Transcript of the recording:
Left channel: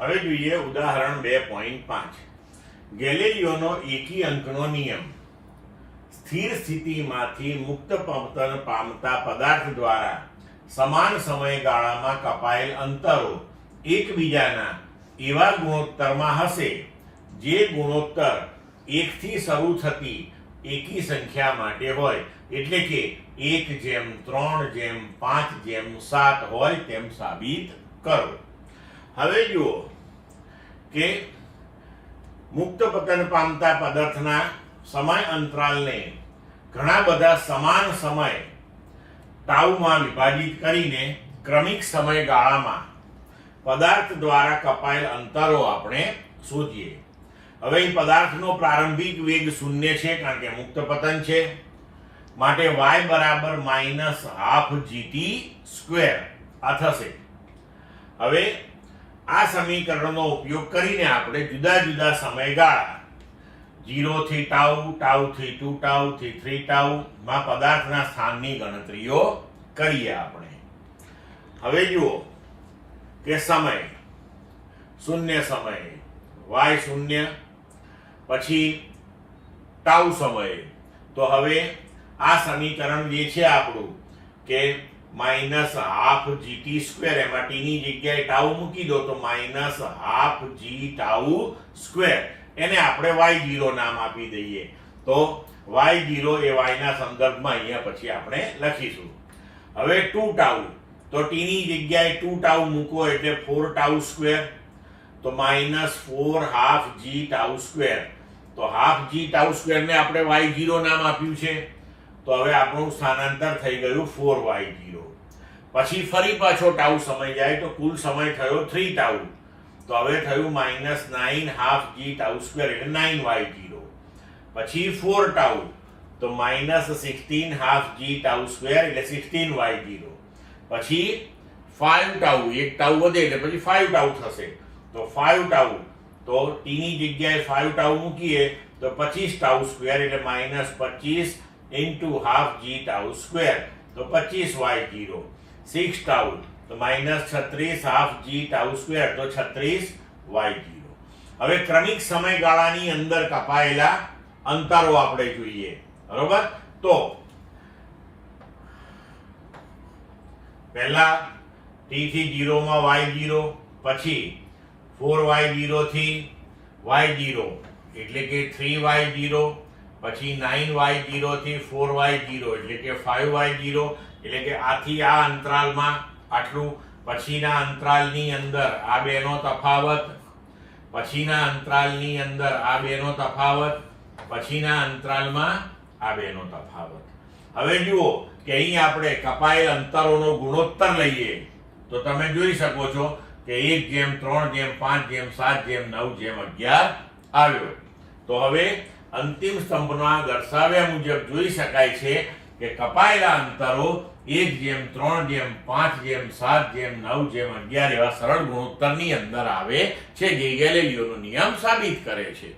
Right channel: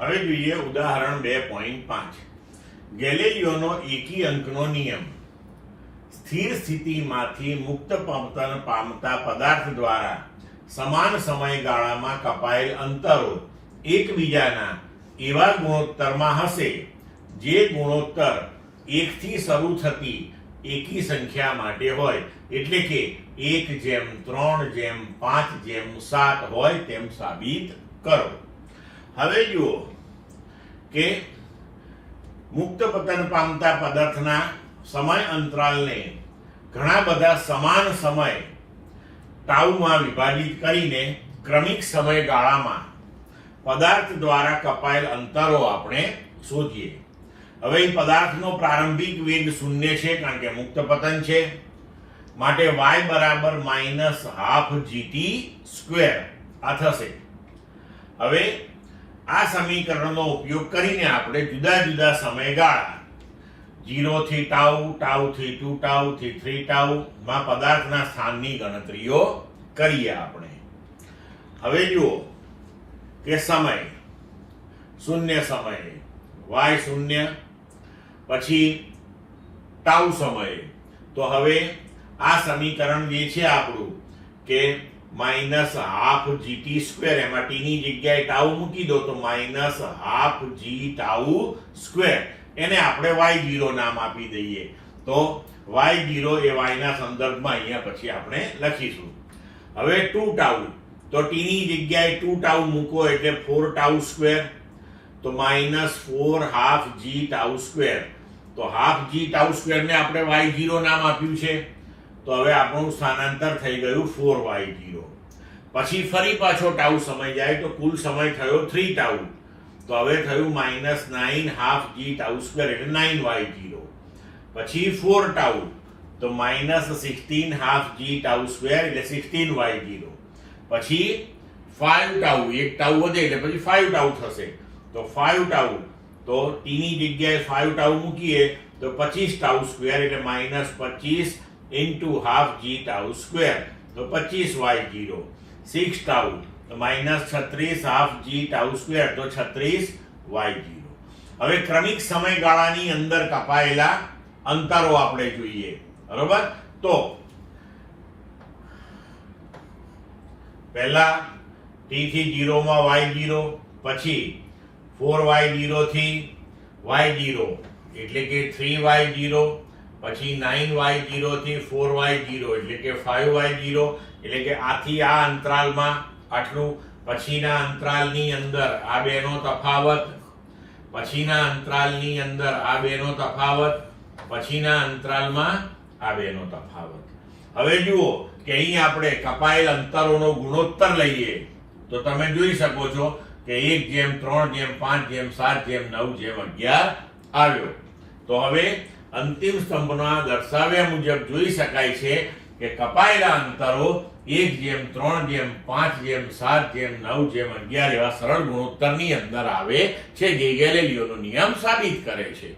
હવે જોઈએ ઉદાહરણ 2.5. ગેલિલિયોનો એકી અંકનો નિયમ. સ્થિર સ્થિતિમાંથી મુક્ત પવન પામતા પદાર્થ દ્વારા સમાન સમયગાળામાં કપાયેલ અંતરો એકબીજાના એવા ગુણોત્તરમાં હશે જે ગુણોત્તર 1 થી શરૂ થતી એકી સંખ્યા માટે હોય, એટલે કે 1:3:5:7 હોય તેમ સાબિત કરો. હવે જુઓ કે મુક્ત પતન પામતા પદાર્થના સમય અંતરાલને ઘણા બધા સમાન સમય ટાઉમાં વિભાજિત કરીને ક્રમિક સમયગાળામાં પદાર્થ દ્વારા કપાયેલ અંતરો આપણે શોધીએ. હવે એ પદાર્થનો પ્રારંભિક વેગ 0 છે, કારણ કે મુક્ત પતન છે, માટે y બરાબર -12gt². આ થશે. હવે આ સમીકરણનો ઉપયોગ કરીને આપણે જુદા જુદા સમયગાળા 0 થી ટાઉ, ટાઉ થી 2 ટાઉ થી 3 ટાઉ માં પદાર્થના સ્થાનની ગણતરીઓ કરીએ આપણે. હવે જુઓ કે સમય 0 સમયે y0, પછી ટાઉ સમયે, તો હવે આ સમીકરણ જે છે આપણું કે -12gt², એમાં t ની જગ્યાએ ટાઉ મૂકી દો તો -12g², એને આપણે y0 નામ આપી દઈએ. તો y0 એ y ના સંદર્ભમાં અહીંયા પછી આપણે લખીશું. હવે 2 ટાઉ, તો t ની જગ્યાએ 2 ટાઉ મૂકો એટલે 4 ટાઉ², તો -4/2g². તો 12g² ને આપણે y0 નામ આપ્યું છે. તો હવે આપણું સ્થાનાંતર થઈ ગયું 4y0. પછી ફરી પાછો ટાઉ સમય જાય તો કુલ સમય થયો 3 ટાઉ. તો હવે થયું -9.5g², એટલે 9y0. પછી 4 ટાઉ, તો -16.5g², એટલે 16y0. પછી 5 ટાઉ, એક ટાઉ વધે એટલે પછી 5 ટાઉ થશે. તો 5 ટાઉ, તો t ની જગ્યાએ 5 ટાઉ મૂકીએ તો 25 ટાઉ², એટલે -25 × 12g², તો 25y0. 6 ટાઉ, તો -36.5g², તો 36y0. હવે ક્રમિક સમયગાળાની અંદર કપાયેલા અંતરો આપણે જોઈએ. બરોબર? તો પહેલા t થી 0 માં y0, પછી 4y0 થી y0 એટલે કે 3y0, પછી 9y0 થી 4y0 એટલે કે 5y0, એટલે કે આથી આ અંતરાલમાં આટલું, પછીના અંતરાલની અંદર આ બેનો તફાવત, પછીના અંતરાલની અંદર આ બેનો તફાવત, પછીના અંતરાલમાં આ બેનો તફાવત. હવે જુઓ કે અહીં આપણે કપાયેલ અંતરોનો ગુણોત્તર લઈએ તો તમે જોઈ શકો છો કે 1:3:5:7:9:11 આવ્યો. તો હવે અંતિમ સ્તંભમાં દર્શાવ્યા મુજબ જોઈ શકાય છે કે કપાયેલા અંતરો 1:3:5:7:9:11 એવા સરળ ગુણોત્તરની અંદર આવે છે, જે ગેલિલિયોનો નિયમ સાબિત કરે છે.